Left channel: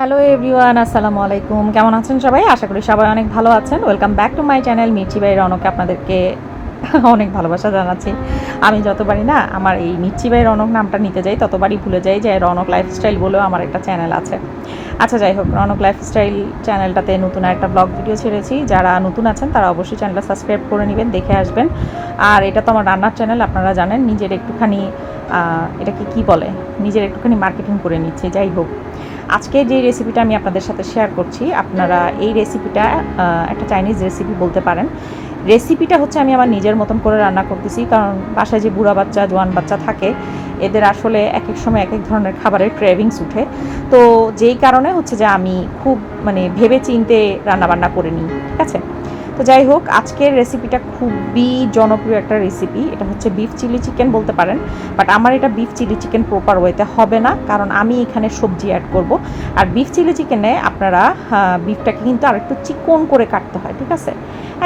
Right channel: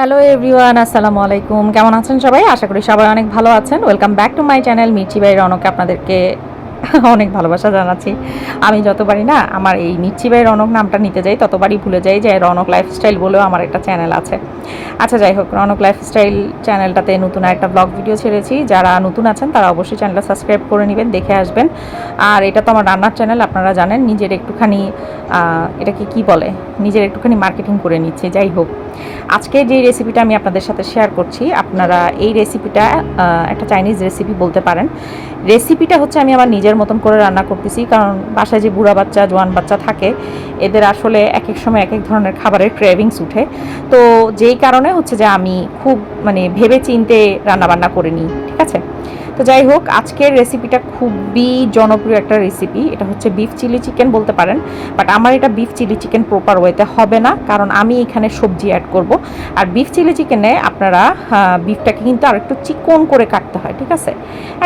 Hello everyone, আসসালামু আলাইকুম। কেমন আছেন সবাই? আশা করি সবাই অনেক ভালো আছেন। Welcome back to my channel Mirchi by রনকে আপনাদেরকে অনেক ভালোবাসা জানাচ্ছি। আমি যতবারই না আমার এই মির্চি বাই রনক নামটা নিতে যাই ততবারই ভুলে যাই যে রনক লাইফস্টাইল বলেও আমার একটা চ্যানেল আছে। আচ্ছা যাই হোক, রনক লাইফস্টাইল চ্যানেলটাতে নতুন একটা ব্লগ ভিডিও ছেড়েছি। যারা নতুন আছেন তারা অবশ্যই চ্যানেলটা সাবস্ক্রাইব করে নেবেন, দেখে আসবেন। আর এটা তো আমার রান্নার চ্যানেল, আপনারা জানেন। নিজের একটুখানি এটাকে কি বলে, নিজের একটুখানি মার্কেটিং করে নিচ্ছে। যাই হোক, আজকে যে রেসিপিটা আমি আপনাদের সাথে শেয়ার করছি, আপনারা এই রেসিপিটা একটা চাইনিজ রেসিপি বলতে পারেন। রেসিপিটা হচ্ছে আমি আমার নিজের মতন করে রান্না করতেছি, কারণ বাসায় যে বুড়া বাচ্চা জোয়ান বাচ্চা থাকে এদের আসলে এক এক সময় এক এক ধরনের খাবারের ক্রেভিংস উঠে। তো যেই কারণে হচ্ছে যে আমি খুব ভেবে চিন্তে রান্নাবান্না করে নিই, ঠিক আছে। তো যাই হোক, আজকের রেসিপিটা খুবই জনপ্রিয় একটা রেসিপি। এটা হচ্ছে বিফ চিলি চিকেন বলতে পারেন, বাট আমার এটা বিফ চিলি চিকেন প্রপার ওয়েতে হবে না, কারণ আমি এখানে সবজি অ্যাড করব। আর বিফ চিলি চিকেনে আপনারা বিফটাকে কিন্তু আর একটু চিকন করে কাটতে হয়, ঠিক আছে।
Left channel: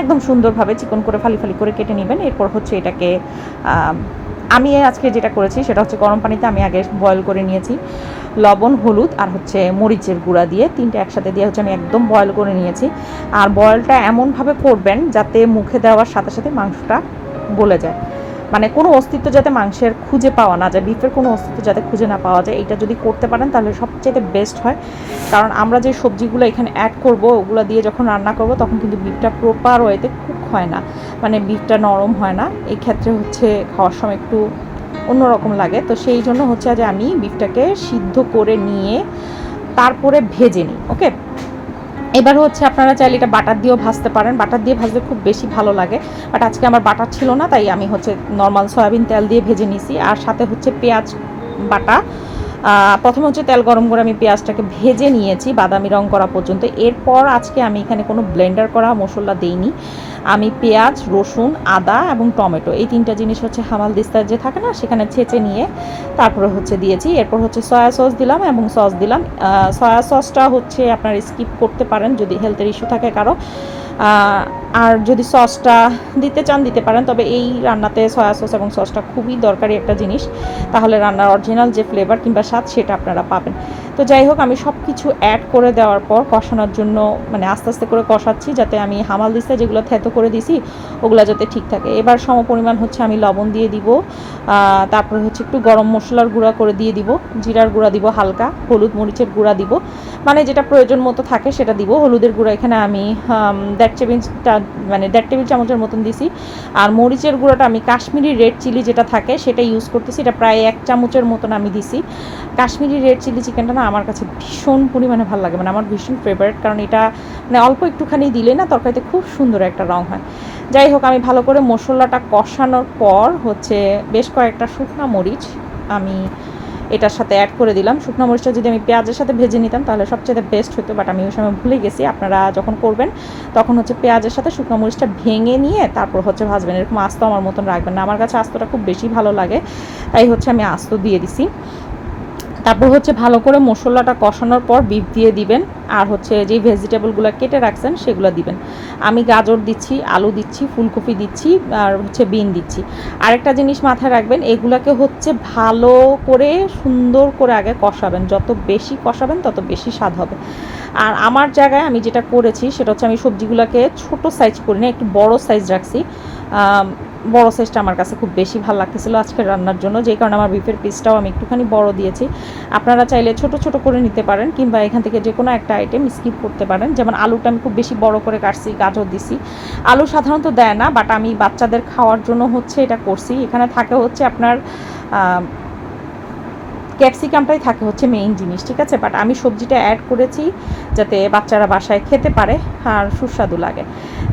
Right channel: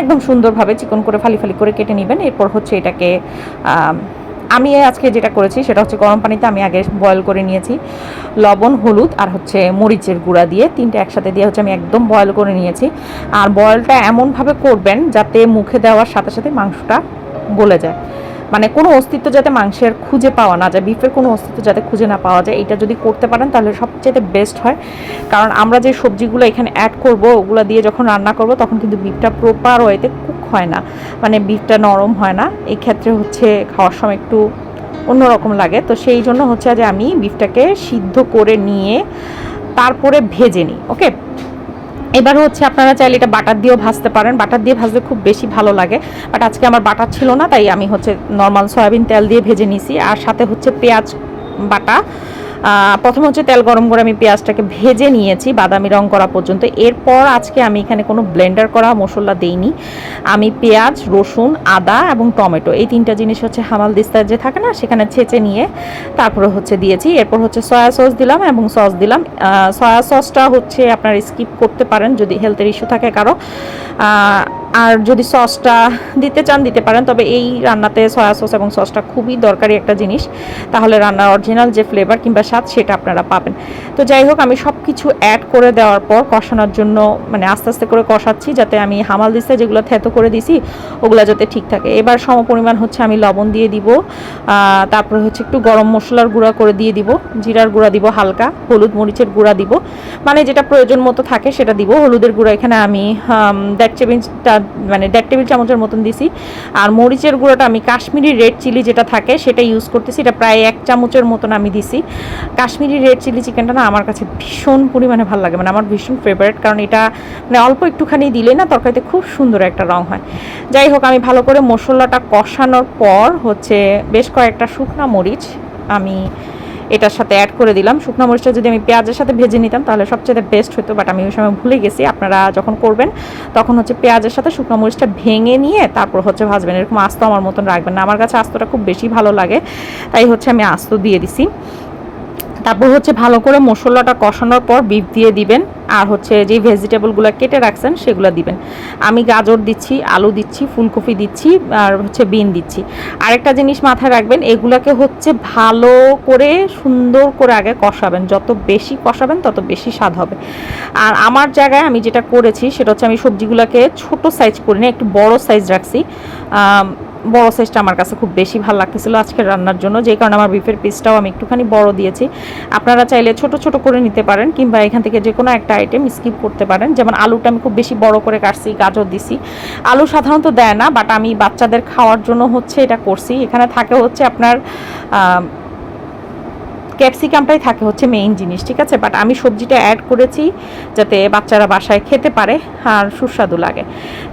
একদম সুন্দরভাবে চিকন করে ফালি ফালি করে কেটে নেবেন। এরপর হচ্ছে এটাকে আমি আজকে যেটা করেছি সেটা হচ্ছে গরম পানিতে আমি আগে বয়েল করে নিয়েছি, লবণ, হলুদ আর হচ্ছে মরিচের গুঁড়া দিয়ে, তিনটে একসাথে দিয়ে হচ্ছে আমি একদম বয়েল করে নিয়েছি। আর বয়েলটা এমনভাবে করবেন যাতে মুখে দেওয়ার সাথে সাথে মাংসটা গলে যায়, মানে কোনো অস্তিত্ব যাতে মাংসের খুঁজে পাওয়া না যায়, বিফের কোনো অস্তিত্ব যাতে খুঁজে না পাওয়া যায়। এটা যদি করতে পারেন তাহলে সবচেয়ে বেস্ট হয়। কারণ আমরা যে সবজিগুলো এখানে অ্যাড করব ওগুলো দিয়ে যখন রান্না করব তখন কিন্তু বিফটা প্রপার ওয়েতে কুক হয় না, মানে বিফটা নরম হয় না। এই ক্ষেত্রে হচ্ছে খাওয়ার সময় একটু অন্যরকম লাগে। তো সেই জন্য হচ্ছে যে আমি বিফটাকে সিদ্ধ করে নিয়ে তারপরে ভেজে নিই। ওকে, এবার হচ্ছে আপনারা চাইলে এটা বাটার দিয়েও ভাজতে পারেন, বাটার দিয়ে ভাজলে খুব বেশি ভালো লাগে। বাট আজকে আমার বাটার ছিল না, তাই আমি হচ্ছে নর্মাল সয়াবিন তেল দিয়ে ভেজে নিছি। আর সাথে হচ্ছে পেঁয়াজ বাটা। প্রথমে হচ্ছে তেল গরম করে আমি পেঁয়াজটাকে ভেজে নিয়েছি বাদামি রং করা পর্যন্ত। এরপর আজকে আমি এখানে কোনো ব্লেন্ডার করা মশলা দেইনি। আমি পেঁয়াজ, রসুন, আদা এবং টমেটো এই তিনটা জিনিস হচ্ছে হামাল দিস্তার যে থাকে না সেখানে ছেঁচে নিয়ে তারপরে হচ্ছে দিয়েছি। এরপর হচ্ছে সয়া সস দিলাম এবং সস দিলাম। সয়া সসটা হচ্ছে আপনারা স্কিপ করতে পারেন যদি হেলথের ইস্যু থাকে কারো। আর যদি সসটা দিতে চান দিতে পারেন, তবে এই রান্নাতে সয়া সস এবং সসটা খুবই দরকারি একটা জিনিস, তাহলে রান্নার অরিজিনাল যে ফ্লেভার কিংবা স্বাদ সেটা আপনারা পাবেন। তো যাই হোক, আমি সব কিছু অ্যাড করে দেওয়ার পর কষানোর জন্য আস্তে আস্তে করে কষাচ্ছি, যাতে আমি হামাল দিতে যেগুলো থেতো করে দিছি ওগুলো যাতে ঠিক থাকে। এবার সমপরিমাণ হচ্ছে আমি লবণ দিয়ে দিব, তারপরে হচ্ছে একটু গরম মশলার গুঁড়া করে দিয়ে দিব, জিরার গুঁড়া দিব হালকা, হলুদ মরিচের গুঁড়া দিব, মানে যেটা প্রয়োজন মতো থাকে সেটা দিব। হলুদের গুঁড়া এখানে আমি 1.5 টেবিল চামচের মতন দিছি। আর মরিচের গুঁড়োটা আমি কাশ্মীরি রেড চিলি যেটা থাকে সেটা ইউজ করতেছি, এটা প্রায় 1 চামচের মতন আমি দিছি। কাশ্মীরি রেড চিলি চিকেনটা না আমার কাছে ভীষণ পরিমাণে ভালো লাগে, আমার ভীষণ ফেভারিট, কারণ এটা অল্প একটুখানি দিলে না তরকারিতে খুব সুন্দর একটা রং হয়। যাই হোক, আমি ভালো করে মশলাটা কষানোর পর হচ্ছে বেশ কয়েকটা শুকনো মরিচ আমি এটার সাথে অ্যাড করে দিলাম। শুকনো মরিচটা যদি আমি পেঁয়াজের সাথে ভেজে নিতাম তাহলে সবচেয়ে বেস্ট হতো, বাট আমি ওই সময় ভুলে গেছি। আপনারা যখন করবেন তখন হচ্ছে পেঁয়াজের সাথে শুকনো মরিচটা ভেঙে নিয়ে তারপর হচ্ছে ভাজবেন। এরকম আস্ত আমার মতন রাখবেন না, আমার কাছে আস্তটা খুব বেশি ভালো লাগে, তাই হচ্ছে আমি আস্ত দিয়ে দিছি। তারপর হচ্ছে ভালো করে মশলাটা কষানোর পর বিফ দিয়ে দিবেন, আর হচ্ছে যে ভেজিটেবলগুলো কেটে রাখছেন সেগুলো দিবেন। আমি গাজর দিচ্ছি, আলু দিচ্ছি, ফুলকপি দিচ্ছি, আর হচ্ছে বিন দিচ্ছি। আরেকটা জিনিস মাথায় রাখবেন, এগুলাকে হচ্ছে ভালো করে সুন্দর করে আগে কষাবেন, যত বেশি কষাবেন তত বেশি স্বাদ হবে। আর আমার জায়গায় আমি যেটা করেছি সেটা হচ্ছে আমি সবজিগুলোকে ছোট সাইজ করি না, একটু বড় সাইজ রাখছি। বড় সাইজটা আমার কাছে খুব বেশি ভালো লাগতেছিল আজকের রান্নার জন্য, যে কারণে আমার বিফের পিসটাও আমি একটুখানি বড় দিয়েছি। আপনারা চাইলে ছোট ছোট করে নিতে পারেন, কিংবা এখান থেকে যে কোনো একটা আইটেম স্কিপ করতে পারেন। যেমন আলুটা আমি খুব বেশি বড় করে কাটছি, গাজর দিছি। আলু সাধারণত দেয় না, বাট আমি বাচ্চাদের খাওয়ার জন্য হচ্ছে এটা করছি। এখানে থাকে হচ্ছে আপনার ক্যাপসিকামটাই থাকে হচ্ছে মেইন জিনিস, ঠিক আছে। বাট আমি সবজিটা অ্যাড করেছি যাতে বাচ্চারা বাসায় খেতে পারে আর সুস্বাদু লাগে।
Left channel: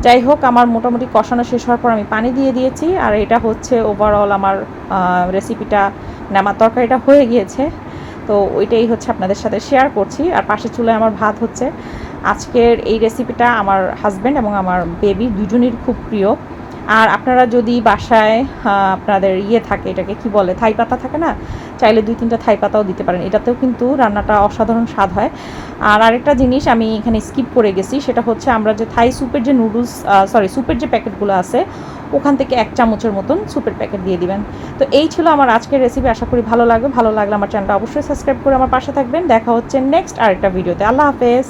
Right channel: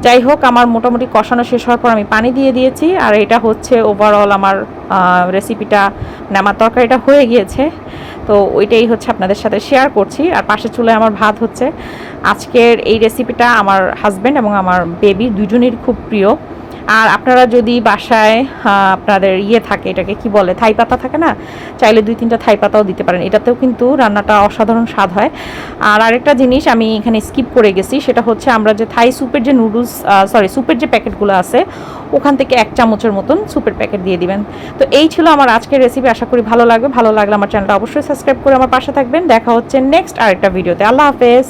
যাই হোক, আমার মোটামুটি কষানো শেষ হওয়ার পর আমি পানি দিয়ে দিয়েছি। আর এটা হচ্ছে ওভারঅল আমার রেসিপিটা, আমার তরকারিটা হয়ে গিয়েছে। তো ওইটাই হচ্ছে আপনাদের সাথে শেয়ার করছি। আর পাশের চুলায় আমার ভাত হচ্ছে। আজকের এই রেসিপিটা আমার হাজব্যান্ড এবং আমার বেবি দুজনের খুব প্রিয়। আর আপনারা যদি বাসায় আপনাদের থাকে, এটাকে কি বলে, থাই পাতা থাকে না, চাইলে 2-3টা থাই পাতাও দিতে পারেন, এটাতেও কিন্তু রান্নাটা অসাধারণ স্বাদ হয়। আর আরেকটা জিনিস আমি এখানে স্কিপ করে গেছি, সেটা হচ্ছে আমরা যে থাই স্যুপের যে নুডলস, স্যুপের যে প্যাকেটগুলো আছে, ওখান থেকে 1 চামচের মতন স্যুপের প্যাকেট দিয়ে দিবেন। তো এই ছিল আমার আজকের রেসিপি, আশা করি ভালো লাগবে। ভালো লাগলে আমার চ্যানেলটা অবশ্যই সাবস্ক্রাইব করে আমার পাশে থাকবেন। দেখা হচ্ছে নেক্সট আরেকটা ভিডিওতে। আল্লাহ হাফেজ।